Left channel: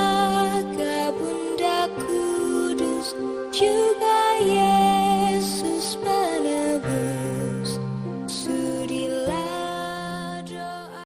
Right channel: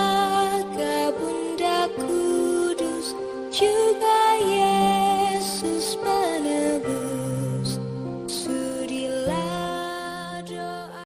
jaga Bunda Kudus, juga Yesus penebus. Sudilah doa.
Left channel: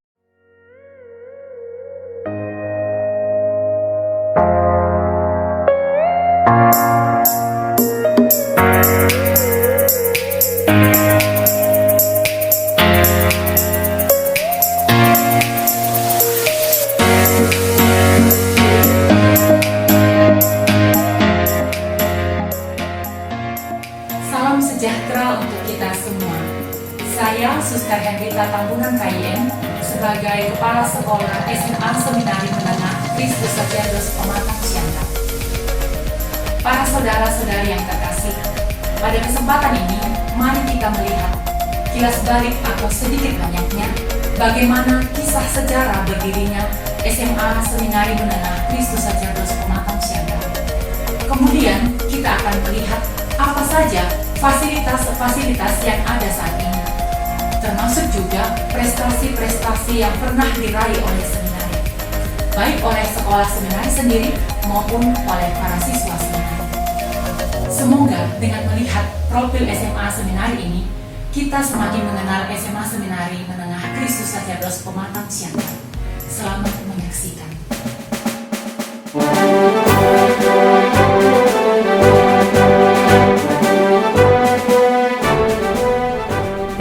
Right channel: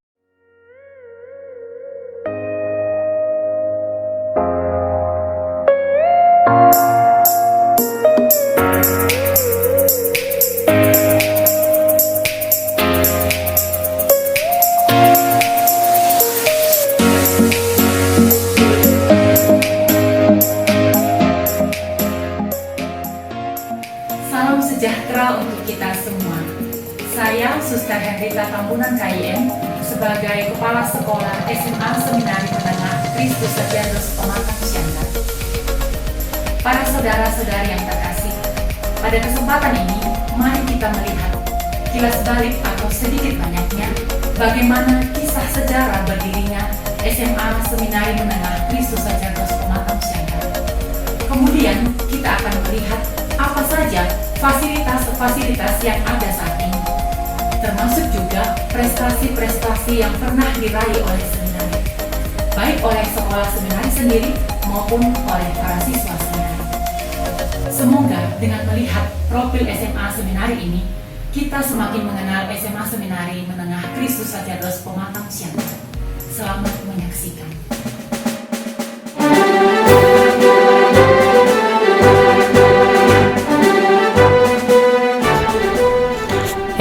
Salam sejahtera untuk kita semua. Saya Suster Hendrita Tambunan KIM sebagai Kepala Sekolah SMA Seminari Menengah Kristus Sajardos Pematang Siantar. Para saudara-saudari yang terkasih, pada kesempatan ini mari kita melihat kilas balik atau sedikit banyaknya bagaimana kisah sejarah berdirinya SMA Seminari Menengah Kristus Sajardos Pematang Siantar. Kemudian kita akan melihat apa saja fasilitas-fasilitas yang ada saat ini, termasuk juga prestasi-prestasi yang pernah diraih oleh seminari, baik oleh sekolah seminari sendiri maupun oleh para siswa seminari. Semoga dengan melihat profil SMA seminari ini, kita semakin mengenal SMA Seminari Menengah Kristus Sajardos Pematang Siantar. Selamat menyaksikan.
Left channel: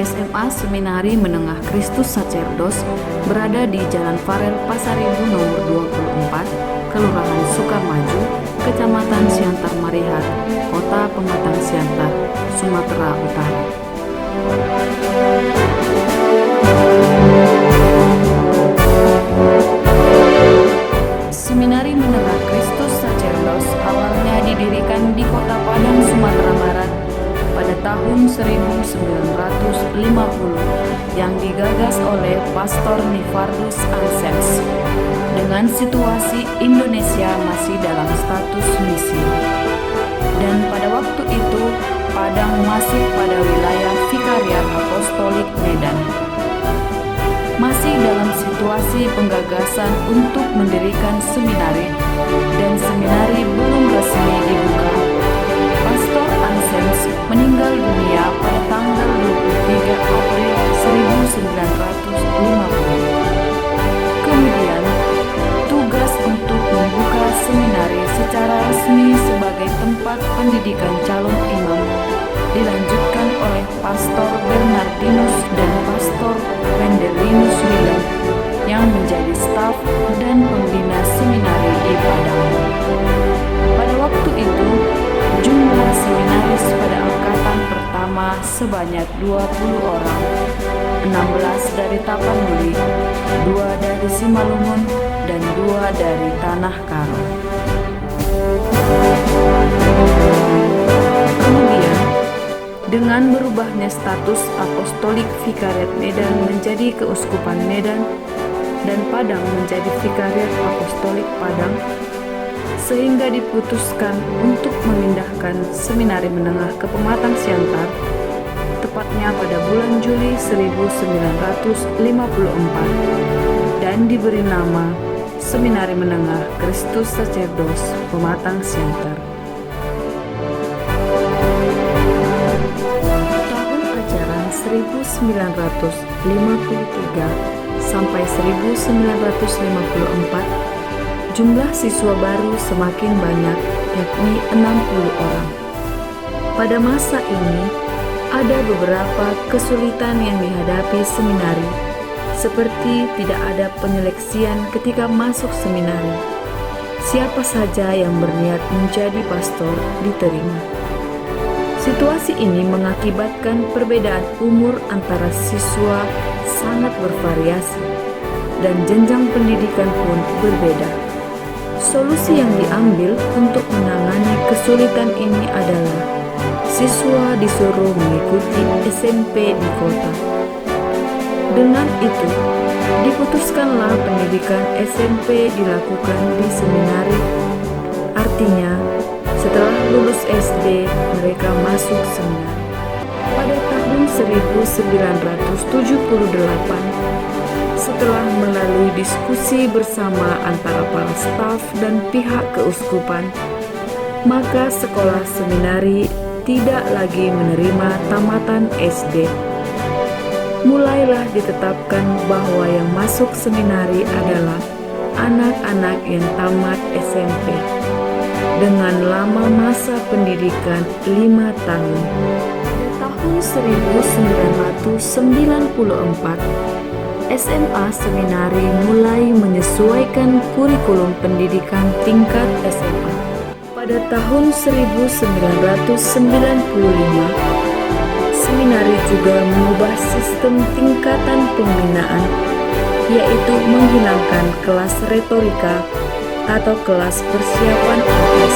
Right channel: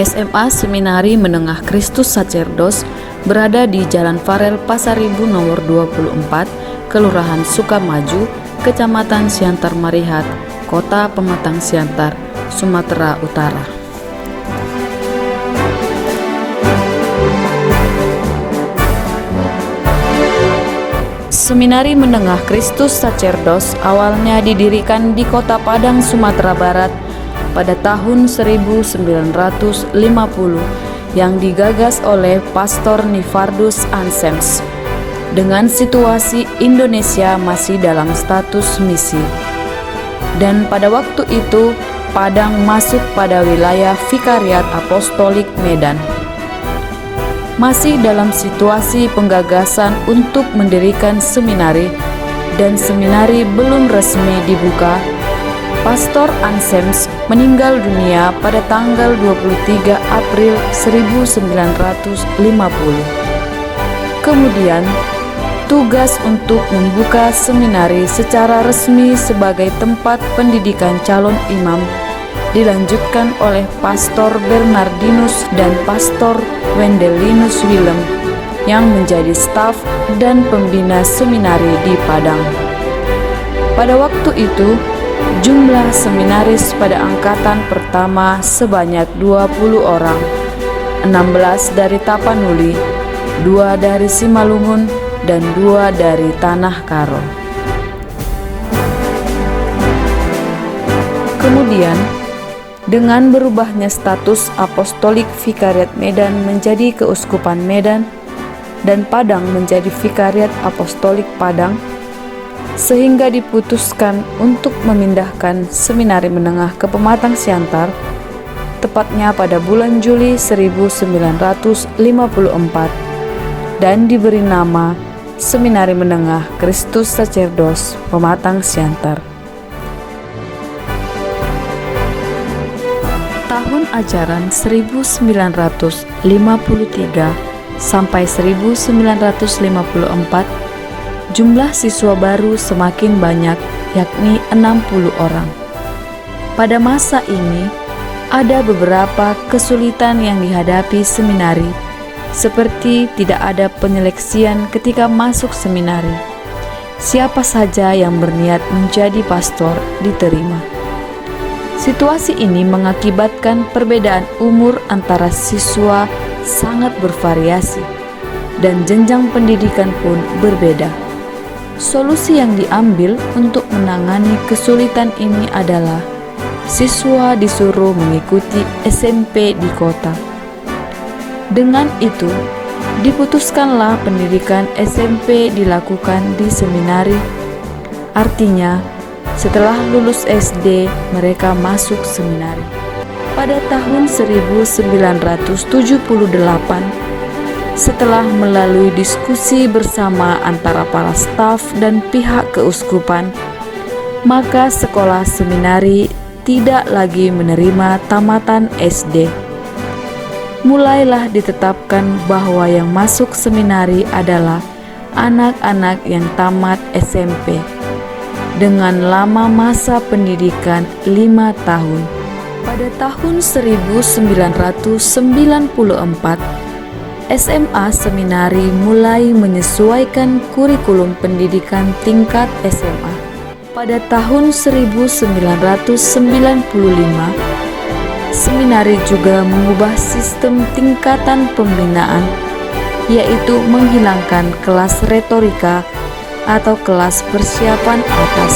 SMA Seminari Menengah Kristus Sacerdos berada di Jalan Farel Pasaribu nomor 24, Kelurahan Sukamaju, Kecamatan Siantar Marihat, Kota Pematang Siantar, Sumatera Utara. Seminari Menengah Kristus Sacerdos awalnya didirikan di Kota Padang, Sumatera Barat pada tahun 1950 yang digagas oleh Pastor Nifardus Ansems dengan situasi Indonesia masih dalam status misi. Dan pada waktu itu Padang masuk pada wilayah Vikariat Apostolik Medan. Masih dalam situasi penggagasan untuk mendirikan seminari dan seminari belum resmi dibuka, Pastor Ansems meninggal dunia pada tanggal 23 April 1950. Kemudian, tugas untuk membuka seminari secara resmi sebagai tempat pendidikan calon imam dilanjutkan oleh Pastor Bernardinus dan Pastor Wendelinus Willem yang menjadi staf dan pembina seminari di Padang. Pada waktu itu, jumlah seminaris pada angkatan pertama sebanyak 20 orang, 16 dari Tapanuli, 2 dari Simalungun, dan 2 dari Tanah Karo. Kemudian, dengan berubahnya status Apostolik Vikariat Medan menjadi Keuskupan Medan dan Padang menjadi Vikariat Apostolik Padang, sehingga diputuskan untuk memindahkan Seminari Menengah ke Pematang Siantar, tepatnya pada bulan Juli 1954, dan diberi nama Seminari Menengah Kristus Sacerdos Pematang Siantar. Tahun ajaran 1953 sampai 1954, jumlah siswa baru semakin banyak, yakni 60 orang. Pada masa ini, ada beberapa kesulitan yang dihadapi seminari, seperti tidak ada penyeleksian ketika masuk seminari. Siapa saja yang berniat menjadi pastor diterima. Situasi ini mengakibatkan perbedaan umur antara siswa sangat bervariasi, dan jenjang pendidikan pun berbeda. Solusi yang diambil untuk menangani kesulitan ini adalah siswa disuruh mengikuti SMP di kota. Dengan itu, diputuskanlah pendidikan SMP dilakukan di seminari. Artinya, setelah lulus SD, mereka masuk seminari. Pada tahun 1978, Setelah melalui diskusi bersama antara para staf dan pihak keuskupan, maka sekolah seminari tidak lagi menerima tamatan SD. Mulailah ditetapkan bahwa yang masuk seminari adalah anak-anak yang tamat SMP dengan lama masa pendidikan 5 tahun. Pada tahun 1994, SMA seminari mulai menyesuaikan kurikulum pendidikan tingkat SMA. Pada tahun 1995, seminari juga mengubah sistem tingkatan pembinaan, yaitu menghilangkan kelas retorika atau kelas persiapan atas.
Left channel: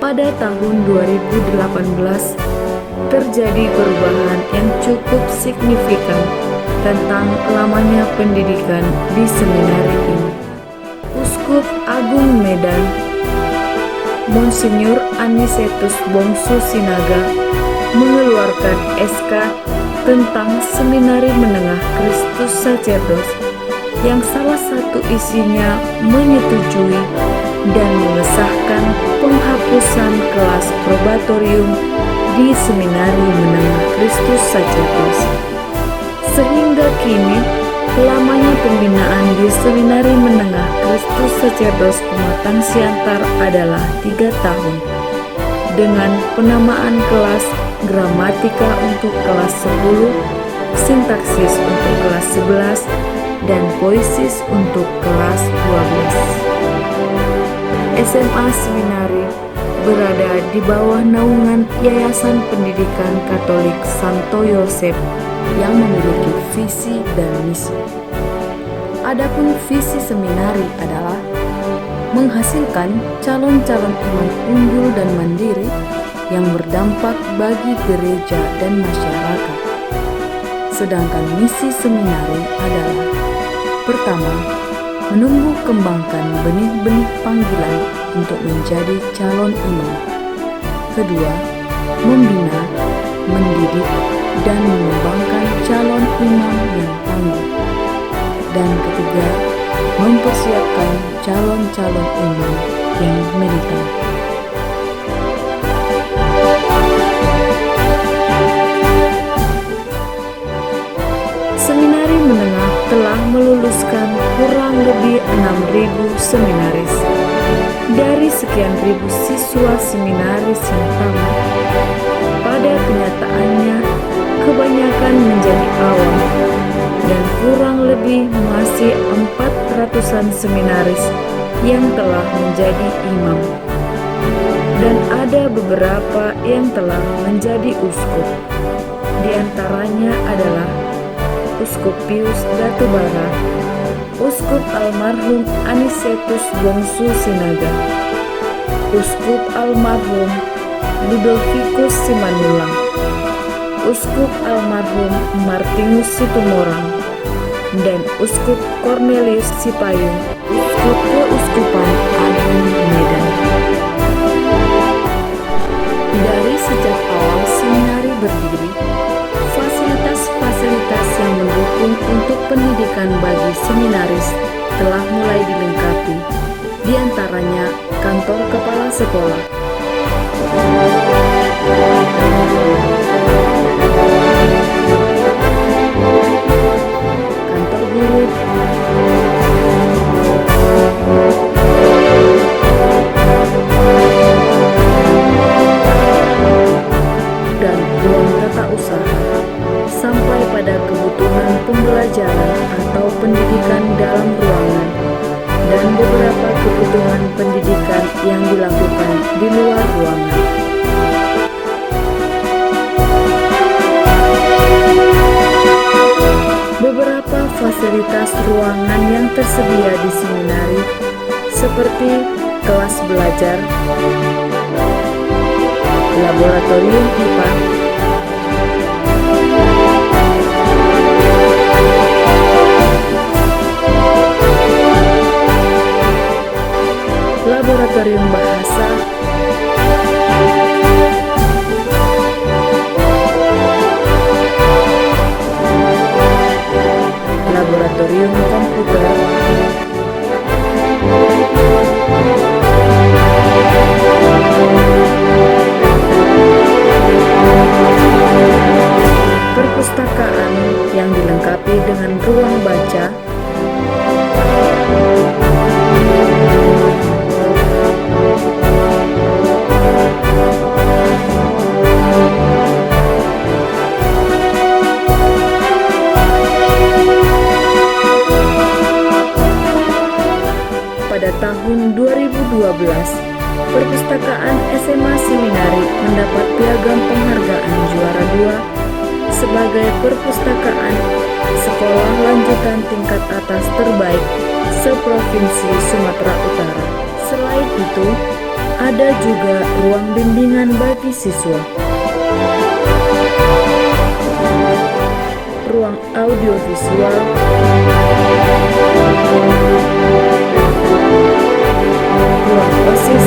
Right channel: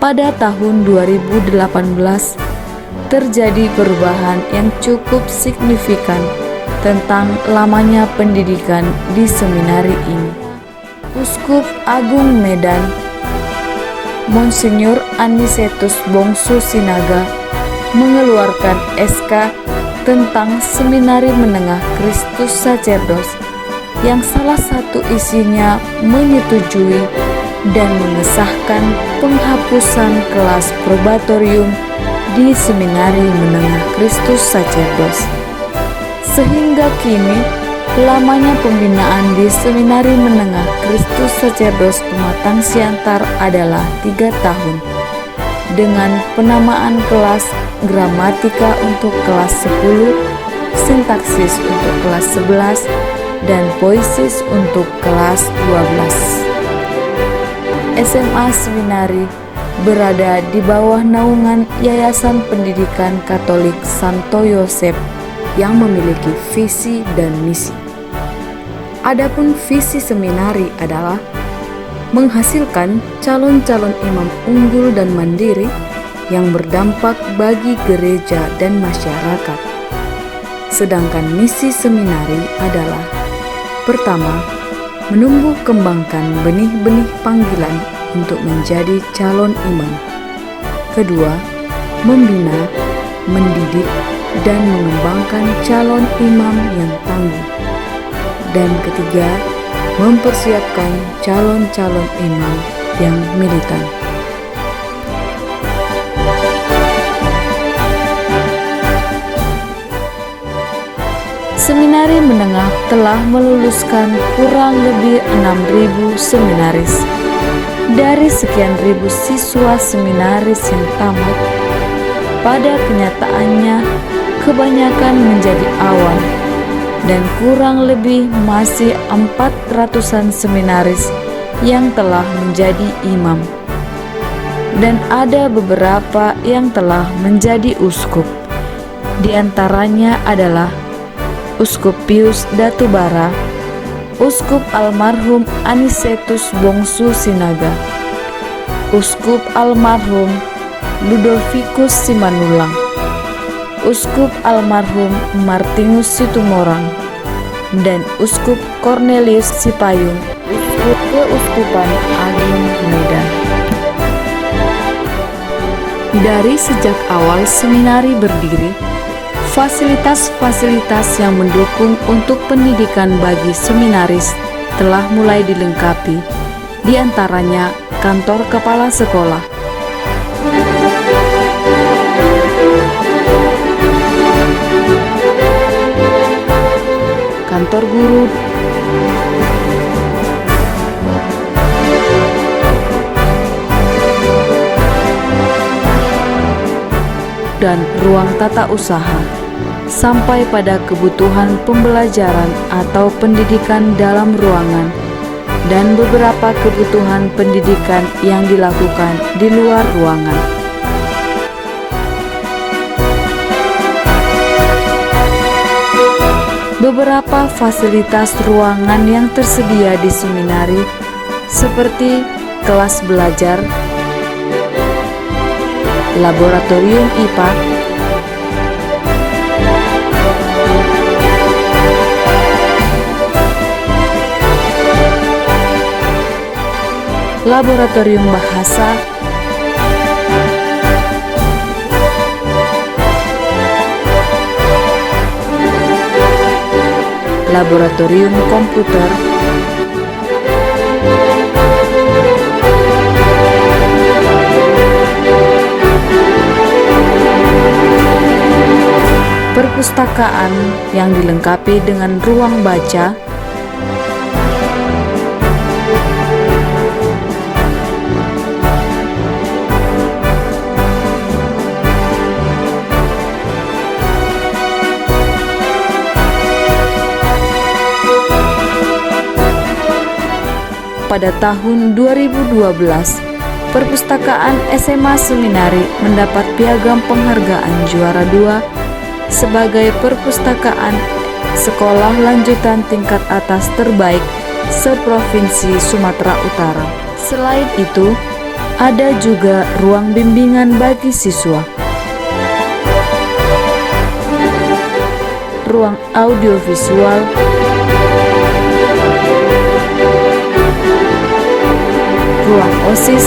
Pada tahun 2018, terjadi perubahan yang cukup signifikan tentang lamanya pendidikan di seminari ini. Uskup Agung Medan, Monsinyur Anicetus Bongsu Sinaga, mengeluarkan SK tentang Seminari Menengah Kristus Sacerdos yang salah satu isinya menyetujui dan mengesahkan penghapusan kelas probatorium di Seminari Menengah Kristus Sacerdos. Sehingga kini lamanya pembinaan di Seminari Menengah Kristus Sacerdos Pematang Siantar adalah 3 tahun, dengan penamaan kelas gramatika untuk kelas 10, sintaksis untuk kelas 11, dan poesis untuk kelas 12. SMA Seminari berada di bawah naungan Yayasan Pendidikan Katolik Santo Yosef yang memiliki visi dan misi. Adapun visi seminari adalah menghasilkan calon-calon imam unggul dan mandiri yang berdampak bagi gereja dan masyarakat. Sedangkan misi seminari adalah: pertama, menumbuh kembangkan benih-benih panggilan untuk menjadi calon imam. Kedua, membina, mendidik, dan mengembangkan calon imam yang tangguh. Dan ketiga, mempersiapkan calon-calon imam yang militan. Seminari Menengah telah meluluskan kurang lebih 6.000 seminaris. Dari sekian ribu siswa seminaris yang tamat, pada kenyataannya kebanyakan menjadi awam, dan kurang lebih masih 400-an seminaris yang telah menjadi imam. Dan ada beberapa yang telah menjadi uskup. Di antaranya adalah Uskup Pius Datubara, Uskup Almarhum Anicetus Bongsu Sinaga, Uskup Almarhum Ludovicus Simanulang, Uskup Almarhum Martinus Situmorang, dan Uskup Cornelius Sipayung, Uskup Keuskupan Agung Medan. Dari sejak awal seminari berdiri, fasilitas-fasilitas yang mendukung untuk pendidikan bagi seminaris telah mulai dilengkapi, di antaranya kantor kepala sekolah, kantor guru, dan ruang tata usaha, sampai pada kebutuhan pembelajaran atau pendidikan dalam ruangan, dan beberapa kebutuhan pendidikan yang dilakukan di luar ruangan. Beberapa fasilitas ruangan yang tersedia di seminari seperti kelas belajar, laboratorium IPA, laboratorium bahasa, laboratorium laboratorium komputer, perpustakaan yang dilengkapi dengan ruang baca, pada tahun 2012, perpustakaan SMA Seminari mendapat piagam penghargaan juara 2 sebagai perpustakaan sekolah lanjutan tingkat atas terbaik seprovinsi Sumatera Utara. Selain itu, ada juga ruang bimbingan bagi siswa, ruang audiovisual, ruang OSIS,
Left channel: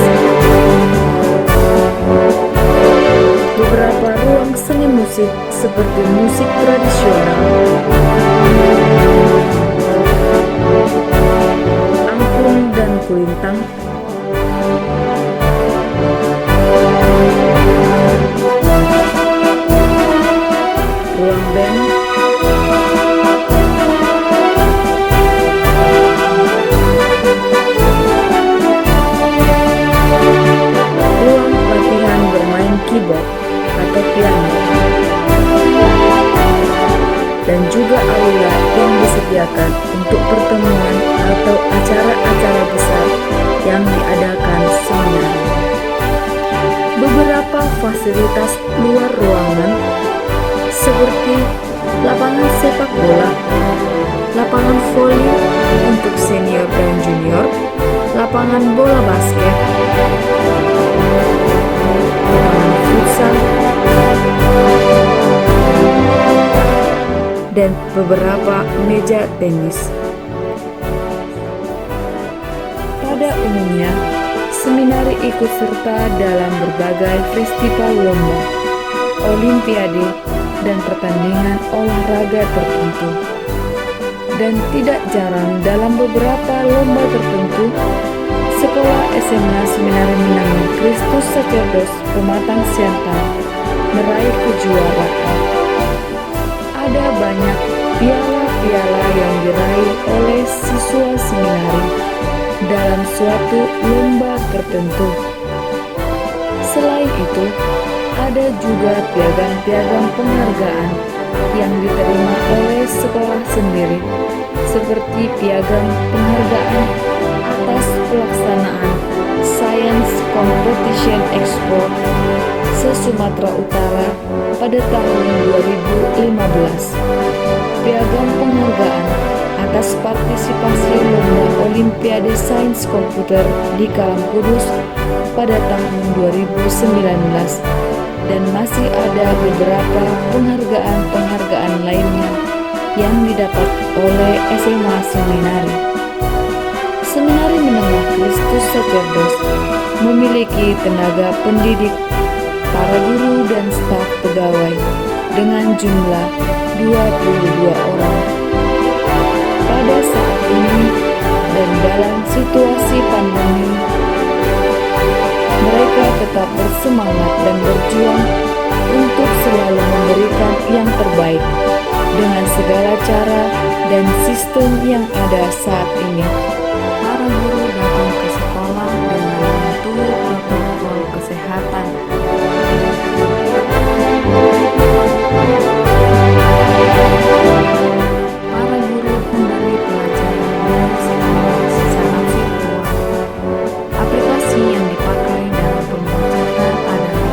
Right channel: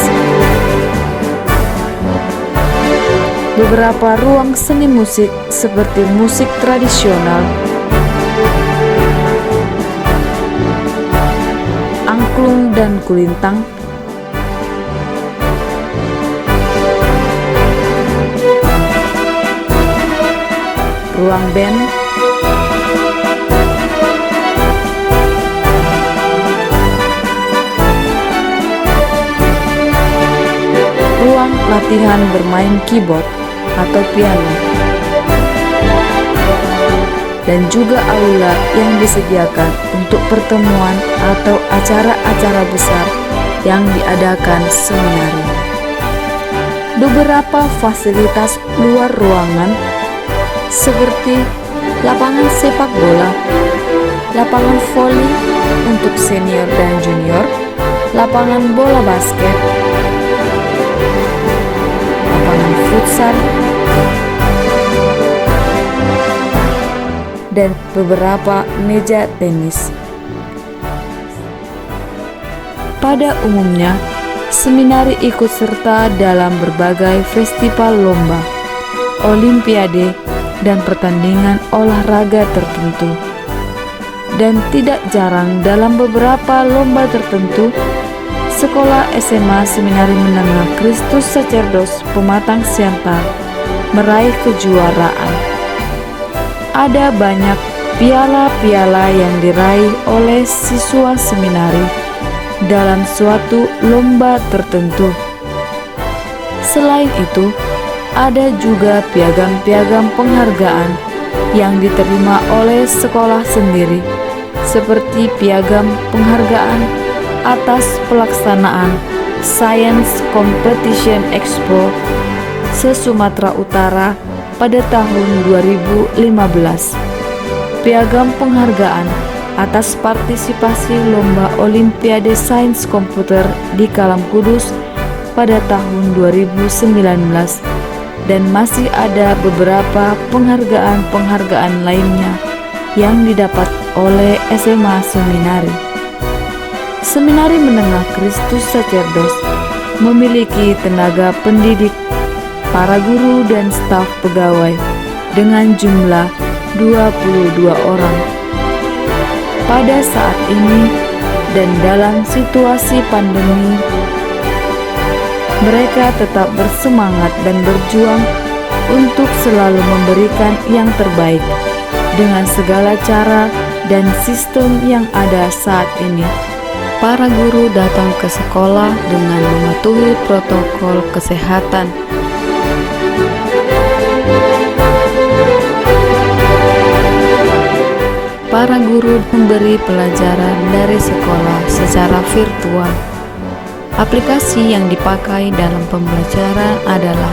beberapa ruang seni musik seperti musik tradisional, angklung dan kulintang, ruang band, ruang latihan bermain keyboard atau piano, dan juga aula yang disediakan untuk pertemuan atau acara-acara besar yang diadakan seminari. Beberapa fasilitas luar ruangan seperti lapangan sepak bola, lapangan voli untuk senior dan junior, lapangan bola basket, lapangan futsal, dan beberapa meja tenis. Pada umumnya, seminari ikut serta dalam berbagai festival lomba, olimpiade, dan pertandingan olahraga tertentu. Dan tidak jarang dalam beberapa lomba tertentu, Sekolah SMA Seminari Menengah Kristus Sacerdos Pematang Siantar meraih kejuaraan. Ada banyak piala-piala yang diraih oleh siswa seminari dalam suatu lomba tertentu. Selain itu, ada juga piagam-piagam penghargaan yang diterima oleh sekolah sendiri, seperti piagam penghargaan atas pelaksanaan Science Competition Expo se-Sumatera Utara pada tahun 2015, piagam penghargaan atas partisipasi lomba Olimpiade Sains Komputer di Kalam Kudus pada tahun 2019, dan masih ada beberapa penghargaan-penghargaan lainnya yang didapat oleh SMA Seminari. Seminari Menengah Kristus Sacerdos memiliki tenaga pendidik, para guru dan staf pegawai dengan jumlah 22 orang. Pada saat ini dan dalam situasi pandemi, mereka tetap bersemangat dan berjuang untuk selalu memberikan yang terbaik dengan segala cara dan sistem yang ada saat ini. Para guru datang ke sekolah dengan mematuhi protokol kesehatan. Para guru memberi pelajaran dari sekolah secara virtual. Aplikasi yang dipakai dalam pembelajaran adalah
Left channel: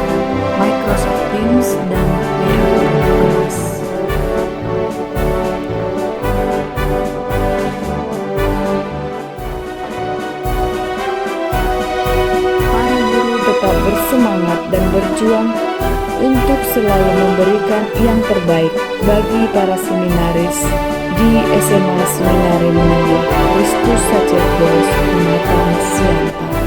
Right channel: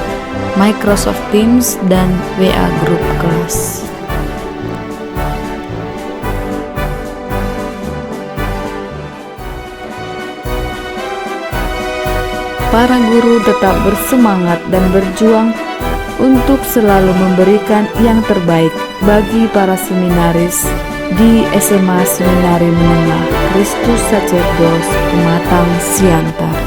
Microsoft Teams dan WA Group Class. Para guru tetap bersemangat dan berjuang untuk selalu memberikan yang terbaik bagi para seminaris di SMA Seminari Menengah Kristus Sacerdos Pematang Siantar.